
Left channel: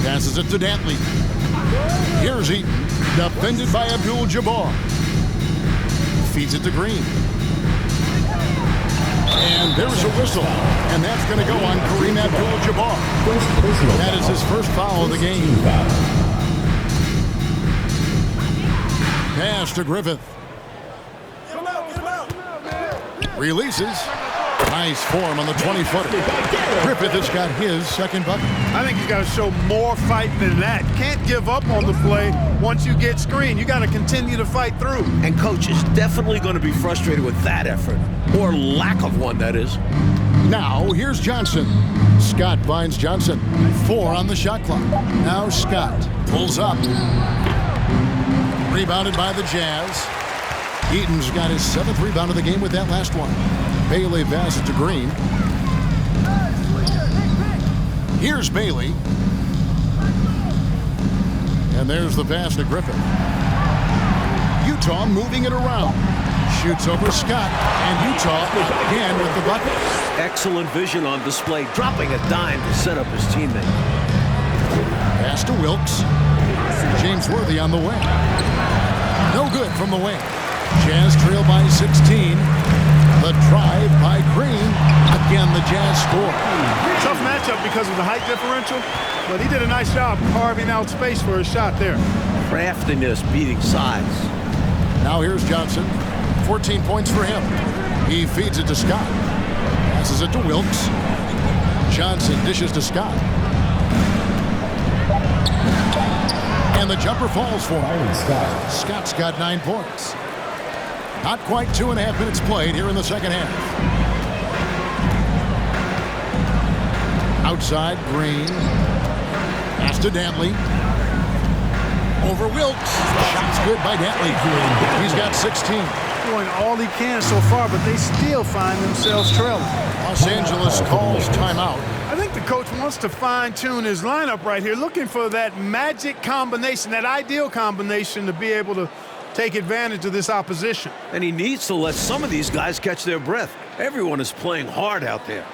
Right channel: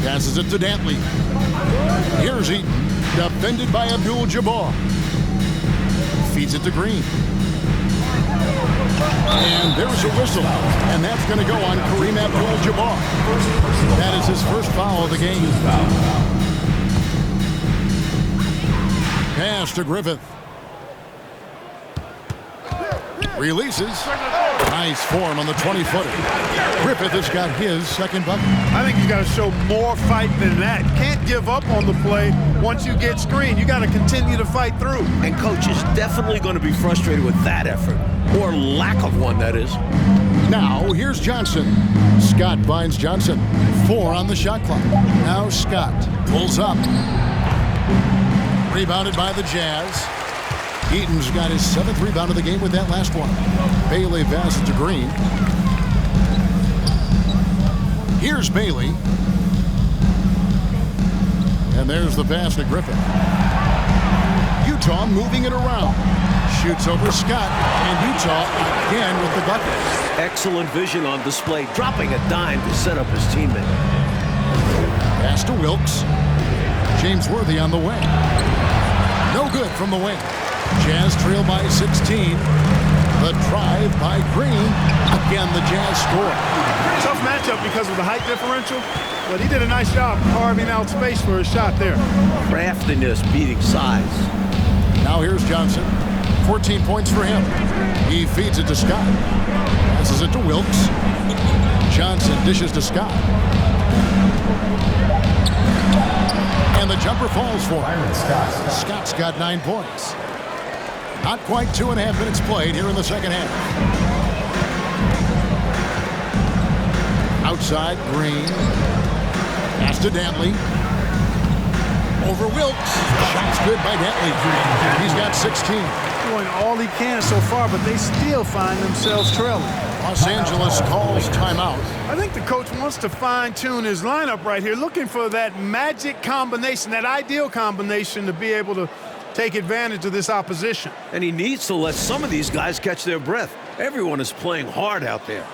Passes it to Dantley. Here's Eaton. Defended by Abdul-Jabbar. Feeds it to Green. And there's a whistle. And that's going to go on Kareem Abdul-Jabbar. That is his first foul of the game. Pass to Griffith. Releases. Nice form on the 20-footer. Griffith has got his second bucket. I think he's got to show more fight than that. Can't give up on the play once you get screened. You got to continue to fight through. And coach is definitely going to be frustrated with that effort, or lack of one, that is. Now, here's Johnson. Scott finds Johnson. 4 on the shot clock. Now Scott pulls up. Rebounded by the Jazz. Eaton's got his 7th rebound of the game with that last one. Bailey passes to Green. Here's Bailey. And there's the pass to Griffith. Utah moving it around. Shoots over Scott, and Utah again with the bucket. Excellent vision on display, dropping a dime to set up his teammate. Pass to Wilkes. James Worthy on the way. No good from the wing. Jazz trail by 16. The drive by Green. Again, the Jazz score. Tough matchup because of the height differential, but he did a nice job carving out space for his shot there. Craftiness beating size. Now here's Johnson. 14 points for him. He feeds it to Scott. Passes it to Wilkes. Johnson dishes to Scott. And the jumper falls for him. Scott's got 9 points. Not quite 2.5 minutes played here in the second half. Outside, Green. Pass to Dantley. Over Wilkes. Shot's good by Dantley. He's got 16. Doing all he can so far, but they still find themselves trailing. Los Angeles calls timeout. I think the coach wants to fine-tune his lineup right here, looking for that magic combination, that ideal combination to be able to take advantage of this opposition. And he needs to let some of these guys catch their breath. Everyone is playing hard out there.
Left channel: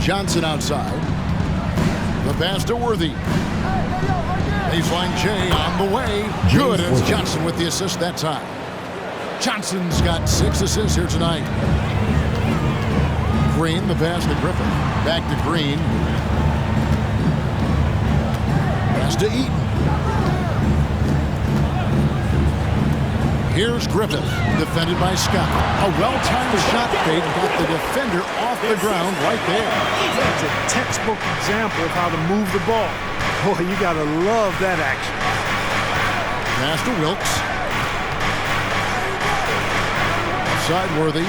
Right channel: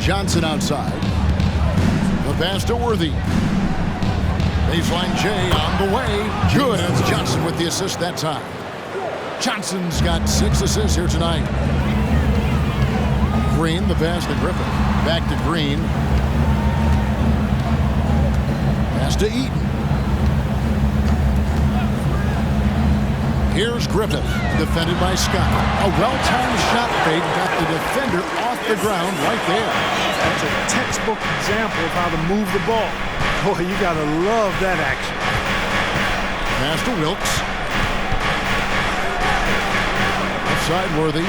Johnson outside. The pass to Worthy. Baseline J on the way. Good. It's Johnson with the assist that time. Johnson's got 6 assists here tonight. Green, the pass to Griffith. Back to Green. Pass to Eaton. Here's Griffith, defended by Scott. A well-timed shot fake got the defender off the ground right there. That's a textbook example of how to move the ball. Boy, you gotta love that action. Pass to Wilkes. Outside Worthy.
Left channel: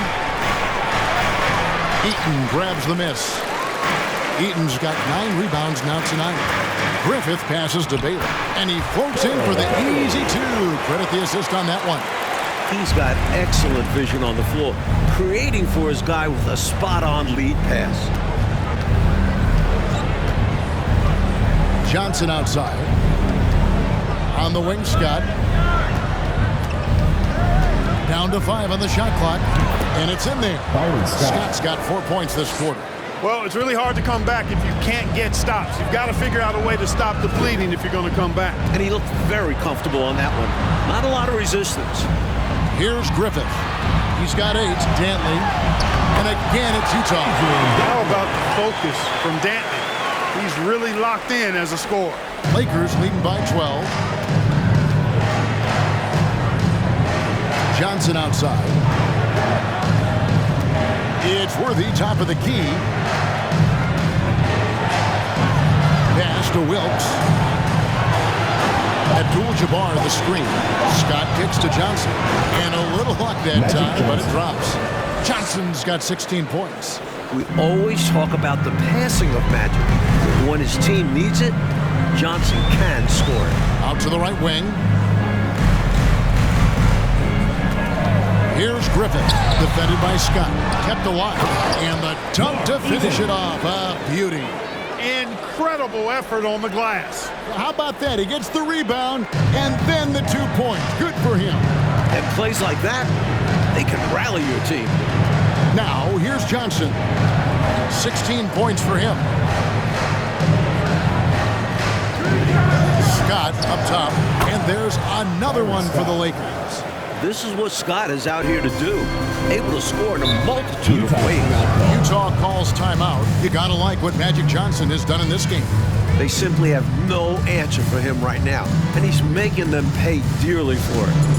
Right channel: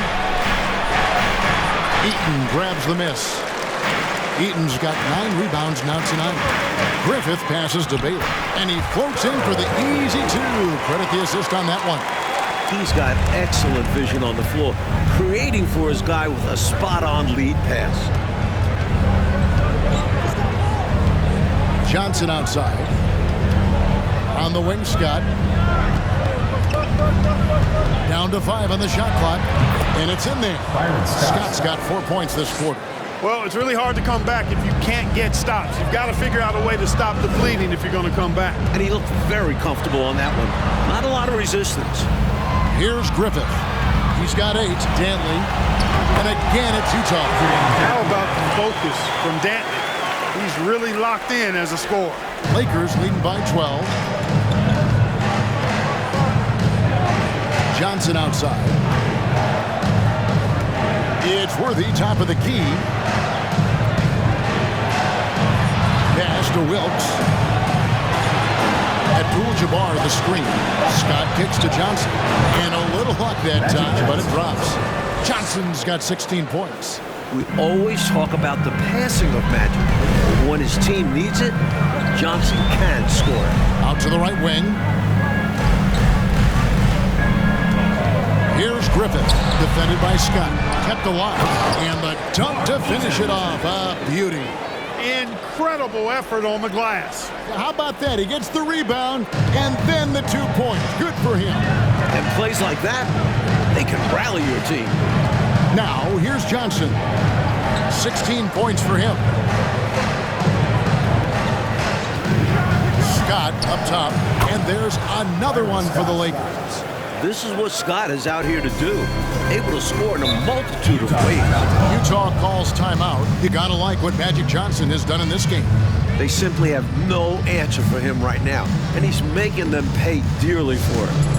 Eaton grabs the miss. Eaton's got 9 rebounds now tonight. Griffith passes to Baylor, and he floats in for the easy 2. Credit the assist on that one. He's got excellent vision on the floor, creating for his guy with a spot-on lead pass. Johnson outside. On the wing, Scott. Down to 5 on the shot clock, and it's in there. Scott's got 4 points this quarter. Well, it's really hard to come back if you can't get stops. You've got to figure out a way to stop the bleeding if you're going to come back. And he looked very comfortable on that one. Not a lot of resistance. Here's Griffith. He's got 8. Dantley. And again, it's Utah. How about the focus from Dantley? He's really locked in as a scorer. Lakers leading by 12. Johnson outside. It's Worthy, top of the key. Pass to Wilkes. Abdul-Jabbar the screen. Scott kicks to Johnson. And a little luck that time, but it drops. Johnson's got 16 points. We always talk about the passing of Magic. When his team needs it, Johnson can score it. Out to the right wing. Here's Griffin, defended by Scott. Kept alive. And the dunk to finish it off. A beauty. Incredible effort on the glass. How about that? He gets the rebound and then the 2 points. Good for him. And plays like that, they can rally your team. Now, here's Johnson. 16 points for him. Scott up top, and there's another one for the Lakers. This is what Scott is out here to do. Able to score in a multitude of ways. Utah calls timeout. You gotta like what Magic Johnson has done in this game. They simply have no answer for him right now, and he's making them pay dearly for it.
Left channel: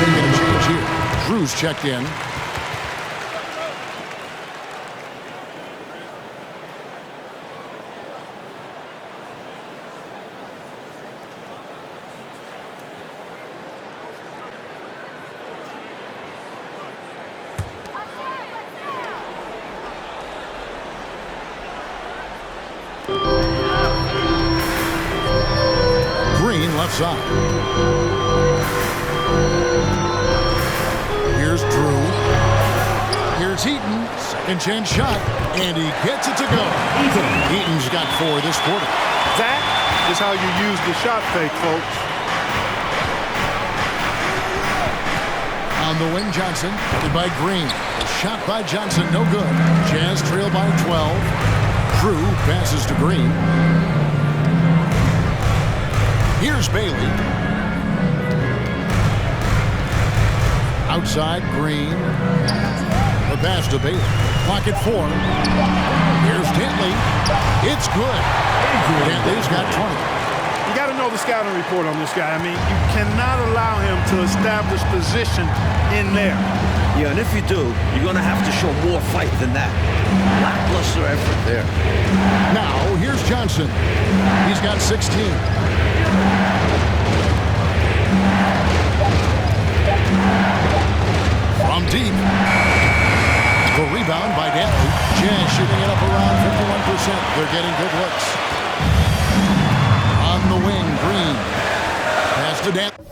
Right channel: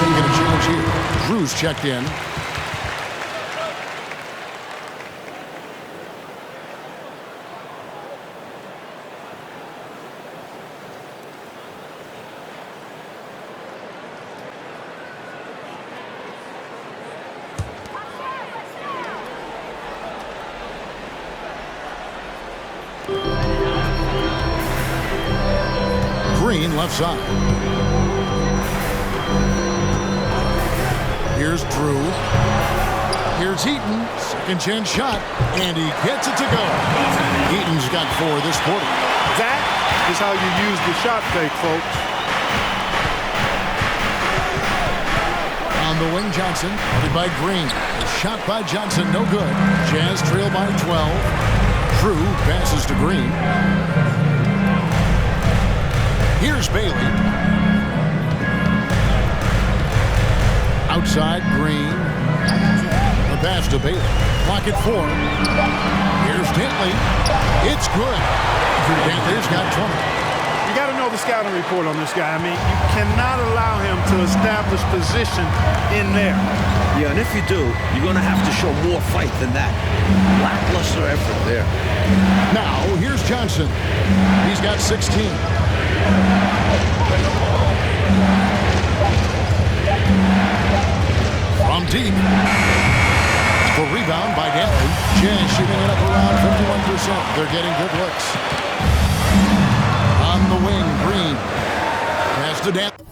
Making a change here. Drew's checked in. Green left side. Here's Drew. Here's Eaton. Second chance shot. And he gets it to go. Eaton's got 4 this quarter. That is how you use the shot fake, folks. On the wing, Johnson. Guarded by Green. The shot by Johnson, no good. Jazz trail by 12. Drew passes to Green. Here's Bailey. Outside, Green. The pass to Bailey. Clock at 4. Here's Dantley. It's good. Dantley's got 20. You got to know the scouting report on this guy. I mean, you cannot allow him to establish position in there. Yeah, and if you do, you're going to have to show more fight than that. Lackluster effort there. Now, here's Johnson. He's got 16. From deep. The rebound by Dantley. Jazz shooting it up around 51%. They're getting good looks. On the wing, Green. Pass to Dantley.